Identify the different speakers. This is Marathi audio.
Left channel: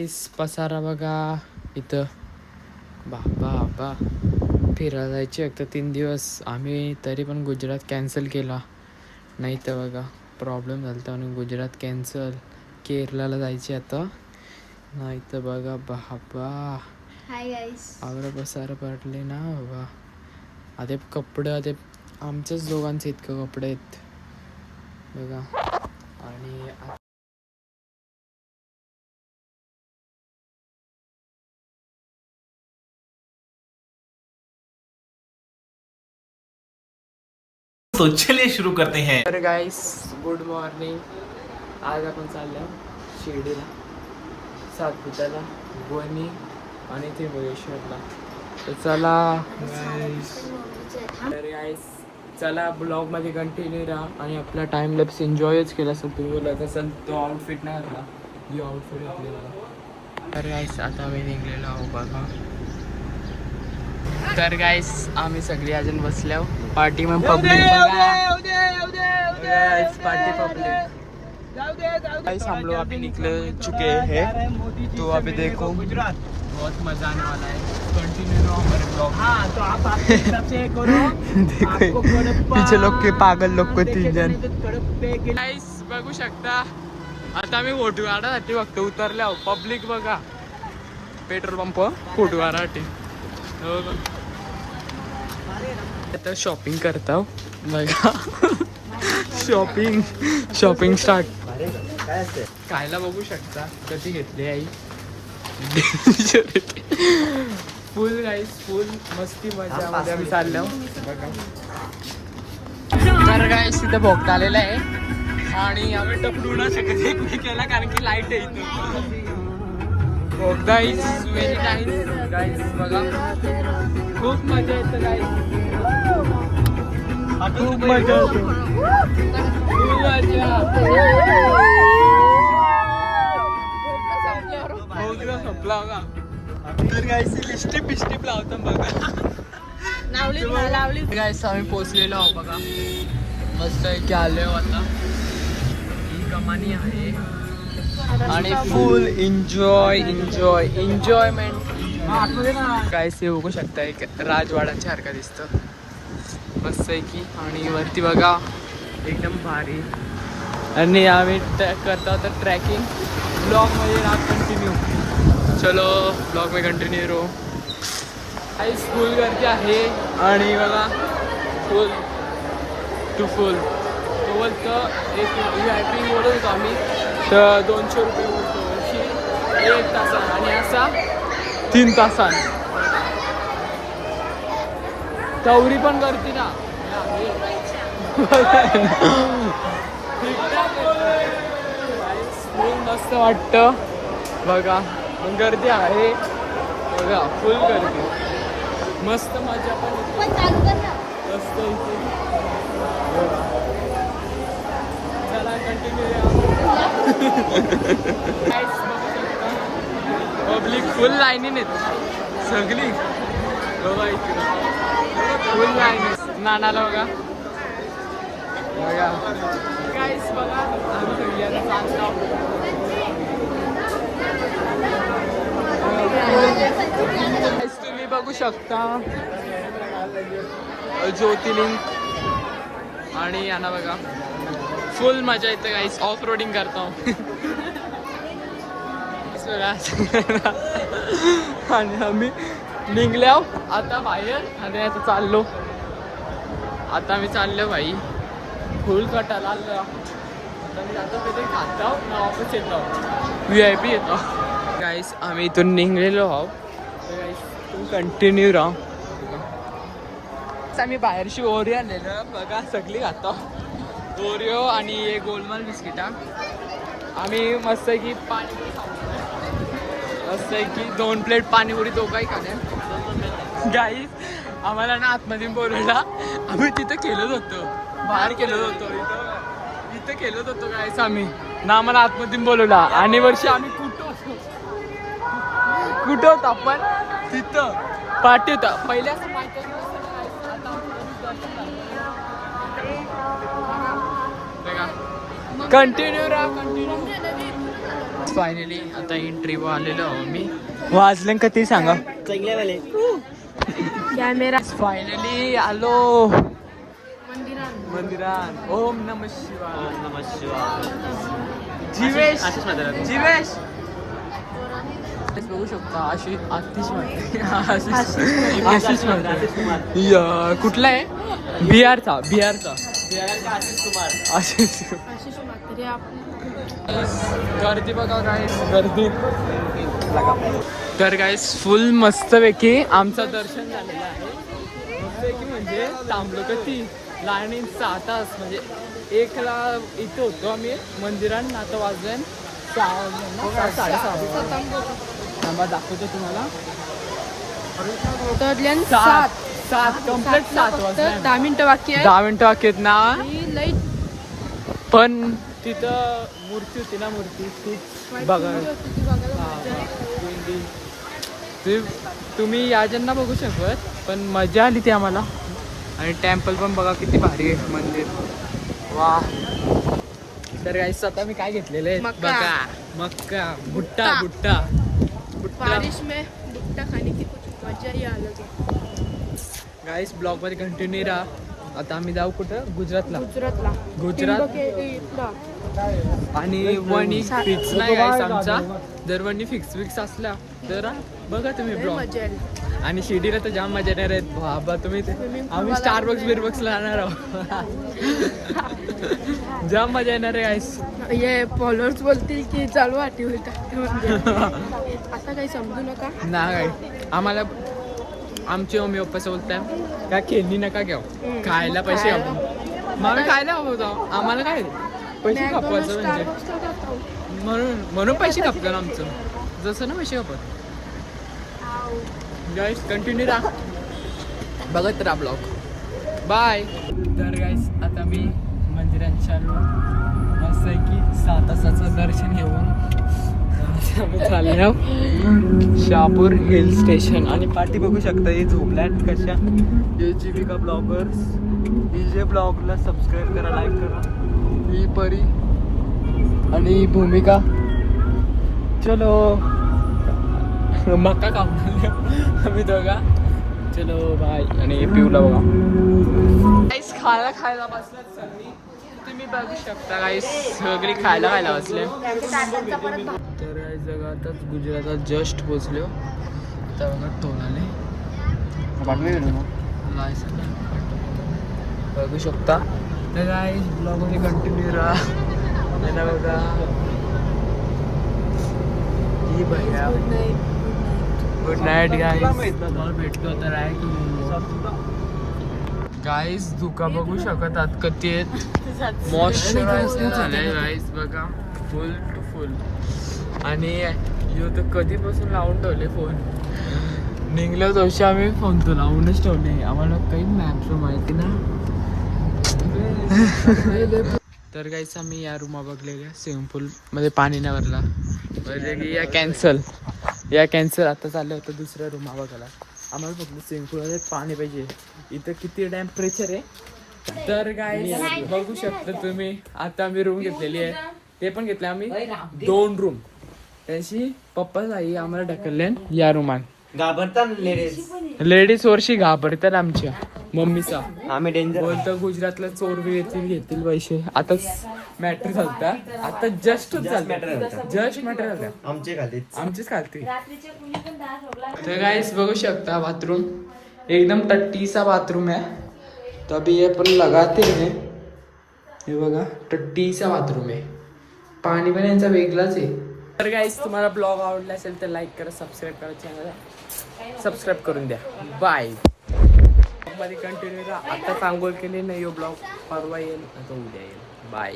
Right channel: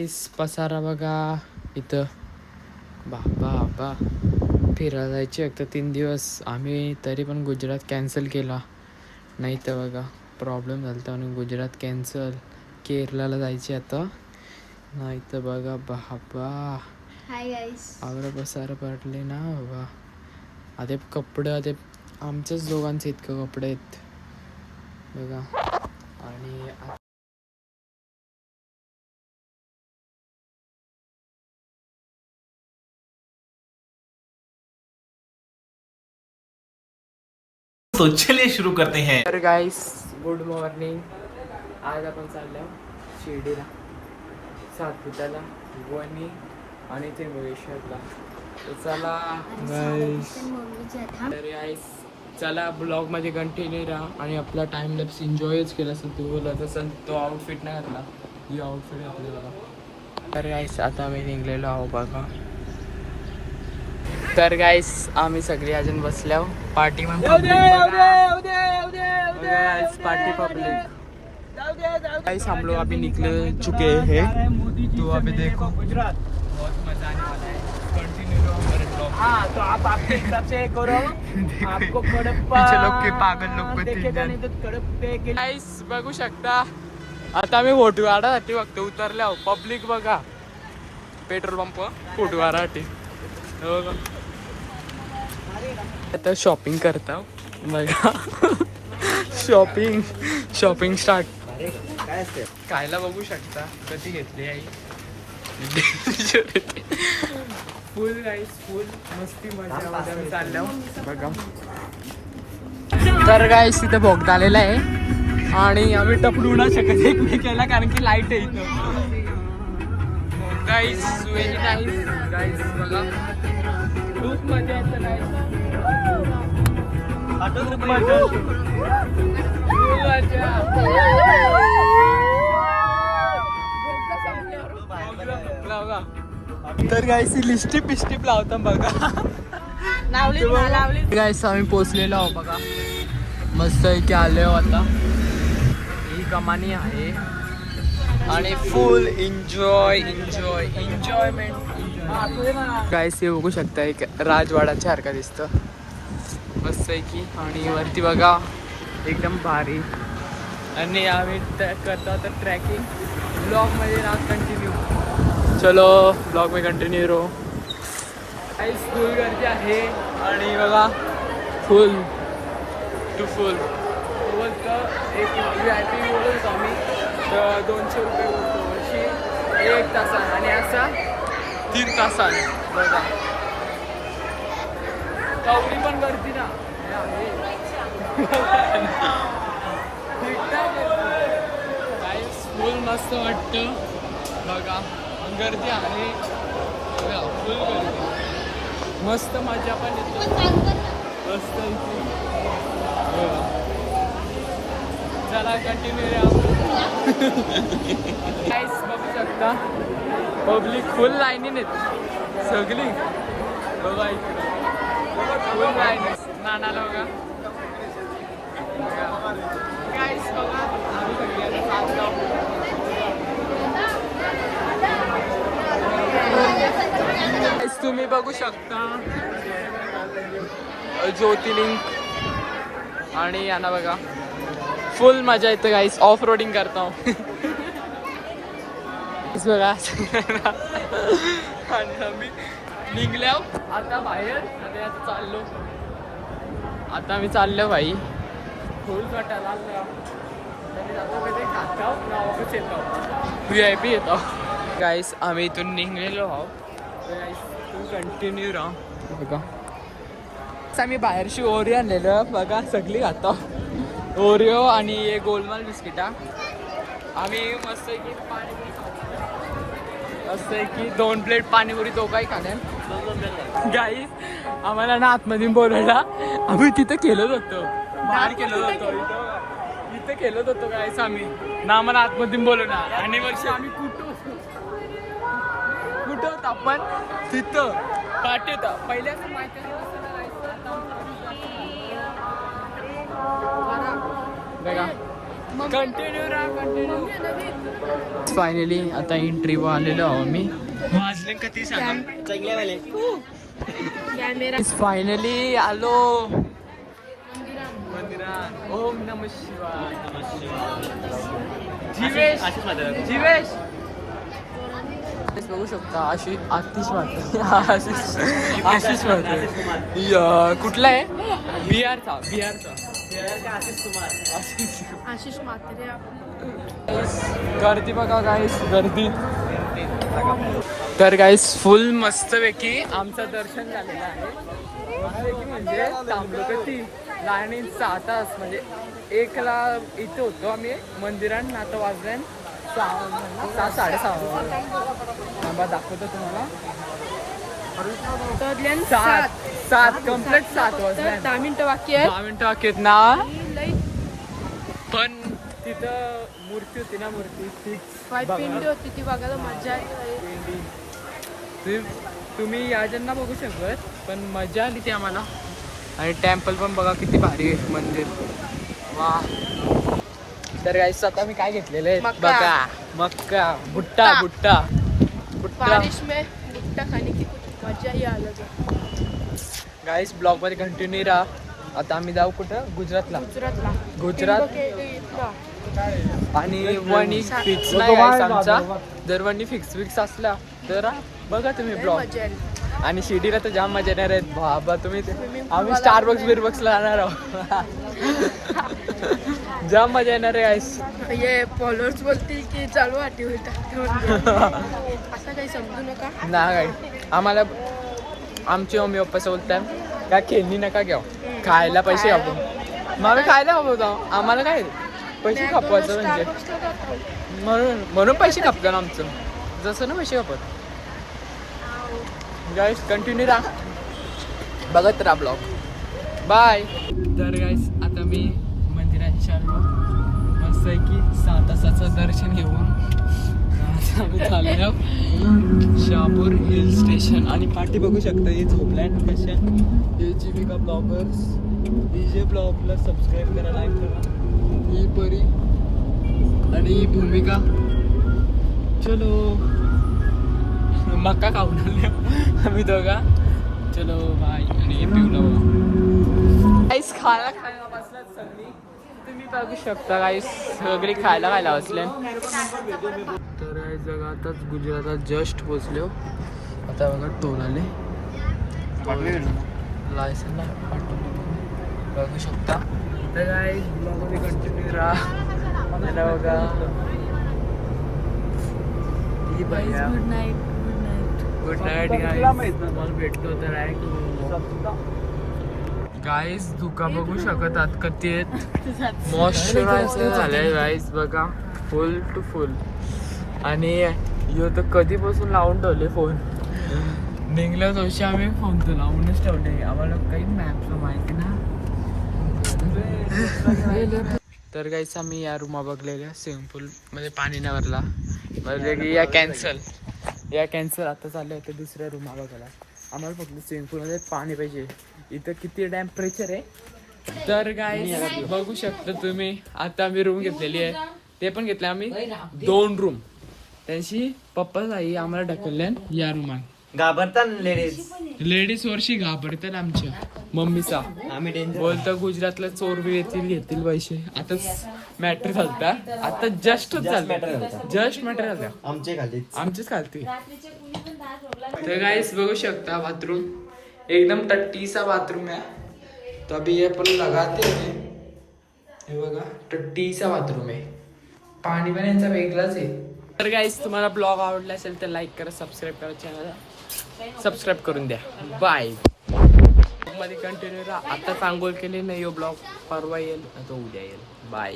Speaker 1: गाईस पसारा बघा इथं बाबा बाबा फिरायला जायचे एक तर तीन दिवस आम्ही तरी पण गुजरात कॅन्सल केला नाही तर बघा प्रॉब्लेम झाला होता म्हणून गुजरात कॅन्सल केरलाला जायचे आता नाही तर बघा बाबा आवरा पसारा पडले ना बाबा आता कपडे आता आमच्याच दोघांचे इतकं कपडे आहेत बघा आणि
Speaker 2: तो चलिए शुरू करते हैं।
Speaker 1: अरे गाईस गुड मॉर्निंग आज आपण चाललो शिर्डीला सातपुताला वणी आणि त्रिंबकेश्वरला तर चला गाईस तर गाईस चला ब्लॉगमध्ये कंटिन्यू राहा आणि आपला टाइम लॅप्स एन्जॉयच केला असं तू बोलत असेल तो आउटफिट नाही घातला. ही आउटफिट घातलेला. तर गाईस आता आम्ही निघलेलो आहो बघा. तर गाईस आम्ही सगळे अजून बसल्या पार्टी में public guys party public guys हम लोग अभी निकल चुके हैं. तो अभी देखो. बहुत मजा आने वाला है. पीछे लोग के पागल लोग को तीन जण गाइस बघू शकता. आता आम्ही फोटो काढासाठी फक्त उतरले आहो पब्लिक बघा पेट्रोल पंप फोटो काढासाठी. आता शॉपिंग करता. बघा. शॉपिंग शॉपिंग स्टार्ट कायला बघू शकता. कधी घेतली आई? फुल राईस फुल मस्ती मजा. चाललो. बघा. तर गाईस इथे भोग आलेला आहे. आणि आम्ही टपडू नाही शकत एकमेकाला कारण की light guys very nice guys बघा. खूप मजा येते गाईस खूप मजा येते. खूप मजा. भोगला संपला बघा. तर गाईस लिस्टिप बिस्टिप लावता बघा. गाईस आम्ही पोचलेलो आहो बघा. मस्त इथे आलो आता. ही कमानी आहे. आणि full enjoy enjoy enjoyment. Guys हे बघू शकता एक राजवाडाच्या सारखा दिसतं. मस्त आहे की. आणि वरती बघा एकदम भारी. आणि आम्ही ट्रॅक करतो आता ट्रॅकिंग. ब्लॉगमध्ये राहा कंटिन्यू चलो ब्लॉग में कंटिन्यू रो. काही स्कूल गर्दी आहे. आणि बघा फुल टू फुल बोलतो एक व्ही आय पी बोलत होतो आम्ही. तर दोनशे रुपये बोलतो अशी एक तासान. आणि असा तीन तासान. बघा. तेवढी पण गर्दी ना. हे. ठीकठाक फुल मस्त वाटतं. बघा. गर्दी आहे. बघा फुल गर्दी. मस्त मजा पण येते. मस्त. चला कंटिन्यू काहीच बघू शकता. पब्लिक फुल लाईनीन आहेत सगळी. बघा इकडं. फुल लाईन नानाला बघा. बघा काहीच बघा. आम्ही सगळी आता चालतो तुम्ही बघू शकता. ज्योतिर्लिंग आणि यांना बघा. फुल मजा येते गाईस ऑफ रोडिंग करतो बघा. आणि आम्ही निघल्या आता बाहेर. आणि आता चाललो. आता आम्ही चाललो भाई. फुल कटायला आलो आता मी जातो कधी? खातो ना वापस येतो. व्ही आय पी येतो. गाईस आम्ही इथून निघलेलो आहो तर गाईस तुम्ही कंटिन्यू राहा. बघा. आम्ही बाहेरशी ओरिओ आणलेलो बघा सगळी खातो ओरिओ आणि हे गोलमाल बिस्किटा आम्ही मस्त आहे की पाणीपुरी असं मस्त आहे की दोन प्लेट पाणीपुरी दोघाही खाणार. गाई आम्हाला ना आतमध्ये बोलवला आम्ही तिथं केलंच होतो. बाहेर केलं होतो. इथं इथं खेळत होतो गाईस आम्ही. ना आम्हाला आतमध्ये बोलवला. आणि वर्षी आम्ही कुठं होतो? कुठं होतो आपण? तिथं. पाठी होता पहिले असं माहिती कंटिन्यू राहा कंटिन्यू फायनली आता एंट्री आलेलो आहो मी वाजलं का ते सांगा. फायनली आलो. मंदिरात. ओम नम शिवाय. नम शिवाय. जीवेश जीवेश. बघू शकता आशिष आतिश आशिष. आशिष या कुठला आहे? बिहारचा बिहारचा. आशिष
Speaker 3: म्हात्रे
Speaker 1: गर्दी बघा गाईस गर्दी. तर गाईस फुल मस्तपैकी आमचं दर्शन झालेलं आहे. मस्तपैकी म्हणजे थांबलो का ती लाईनीत सहा तास म्हणजे एकला इथे होतो आम्ही मंदिरात आता वाजले सहा सहा साडेसहा. थांबा दाखवतो तुम्हाला. सात. सात कंप्लीट सात वाजले.
Speaker 3: दहा मिनिटं बाकी आहे.
Speaker 1: दहा मिनिटं बाकी आहेत ना. पण तिथं मूर्ती होती ना मूर्ती. ती बघा. तुम्ही या ज्यांना बघू शकत पण मजा आली ती आम्हाला. आणि टेम्पल पण बघा किती भारी आहे मंदिर. वा तर गाईस आता मी काय घेतलेलं आहे?
Speaker 3: मक्का.
Speaker 1: बघा. मक्का. भुट्टा भुट्टा. भुट्टा.
Speaker 3: भुट्टा. खाने की कुछ मजा ही अलग
Speaker 1: गाईस ब्लॉगमध्ये कंटिन्यू राहा. आता आम्ही जाऊ कुठं? गुजरातला.
Speaker 3: गुजरातला.
Speaker 1: गुजरात. आणि वणी फिक्स नाही गाईस आमचा. जर वणी फिक्स फिक्स असला तर बघा तुम्ही ब्लॉग आणि शिर्डीला तर जाम मजा येणार आहेत बाबा तुम्ही आम्ही
Speaker 3: वाला
Speaker 1: स्टारबक्स
Speaker 3: आहे.
Speaker 1: बिरबक्सला जाणार आहोत. जाम मजा येणार आहे गाईस
Speaker 3: ये फॉलोअर्स बोलतील की चालू आटी उलटा आता काही समजू नका.
Speaker 1: ना काय आम्हाला आमचे मम्मी पप्पा बोलताय का खेळणी नका घ्या खायला पैसे. आपण मग आम्ही खायला खपवतो आम्हाला काय? पैसे खपवायचं म्हणजे. म्हणून म्हणून पैसे खपतात आमचं. जसं ना पैसे खपत गाईस कंटिन्यू राहा बघत राहा ब्लॉग बाय तर गाईस आता मी मंदिरात चाललो मस्त आहे की सहा तासाचं दर्शन घेऊन चालल्या. Shapur Shahapur hill station. आणि पाठी बघू शकता ही झोपलँड कशा. हे जीविका ब्लॉगर्स. ही जे ब्लॉगला सबस्क्राईब करा लाईक करा. ही परी आणि भूमिका. चलो. मक्का खाऊन आम्ही दोघा. चलो बाय आणि पिऊला बघा. आईस खायला खायला बसल्यात मी तुम्ही बघू शकता काही सगळी खायला खायला बसले. तर जगातच गुजरातात जस्ट पोचलो. आता बघा टोलाले लायसन बघू शकता. तर काय ब्लॉगमध्ये कंटिन्यू राहा. याला बघा. ही भैया?
Speaker 3: Good night good night
Speaker 1: good night guys तुम्हाला भेटतो तर आहे गाईज धुका बघू शकत आहात कधी आहेत मॉइश्चरायझर झालंय गाईज बघा. फुल टू फुल आणि यो तर कधीपासून लावून ठेवले फोन निघलो तशी आम्ही फोन तो लावूनच ठेवले. आम्हाला काही मॅप माहिती ना? तर काहीच आम्ही या रूमा बघलेल्या स्विमिंग पूल मध्ये पाणी नाही भरला. म्हणजे की या कॅन्सल या कॅन्सल आता चाललं होतं दुसऱ्या रूमा बघायला. आम्हाला फक्त स्विमिंग पूलमध्ये पाणी पाहिजे. इथं किती टेम्परेचर आहे? तर काय बघू शकता तुम्ही आता आम्ही रूम घेतलेली आहे. ते पण घेतले आम्ही. दोन रूम त्यांची पप्पाच आई आम्हाला ढकलले या रुमात
Speaker 4: घाबरतात लेडीज
Speaker 1: लेडीज वर्षी घाबरतात आमच्या. मम्मीचा.
Speaker 4: आम्ही डेंजर
Speaker 1: बोलतो गुजरातला चोर बी येतील घेतील पैसे. आता मॅटर झालता आता जस्ट झालं जस्ट मॅटर झालं
Speaker 4: आमचे खाली
Speaker 1: आमचीच खालती. तर गाइस बघू शकता बाथरूम. एकदम टट्टीचा बाथरूम आहे. तो अभी ये लगाते हैं. हे बघा टट्टीचा बाथरूम आहे. पाणी पण यांचा वेगळाच आहे. तर गाईस तुम्हाला ब्लॉग आवडला असेल तर लाईक करा सबस्क्राईब करा चॅनलला सबस्क्राईब करून द्या. बायमध्ये कंटिन्यू राहा. आता सांगोल केली नाही हो यो ब्लॉग परवा येईल. तो उद्या येईल. बाय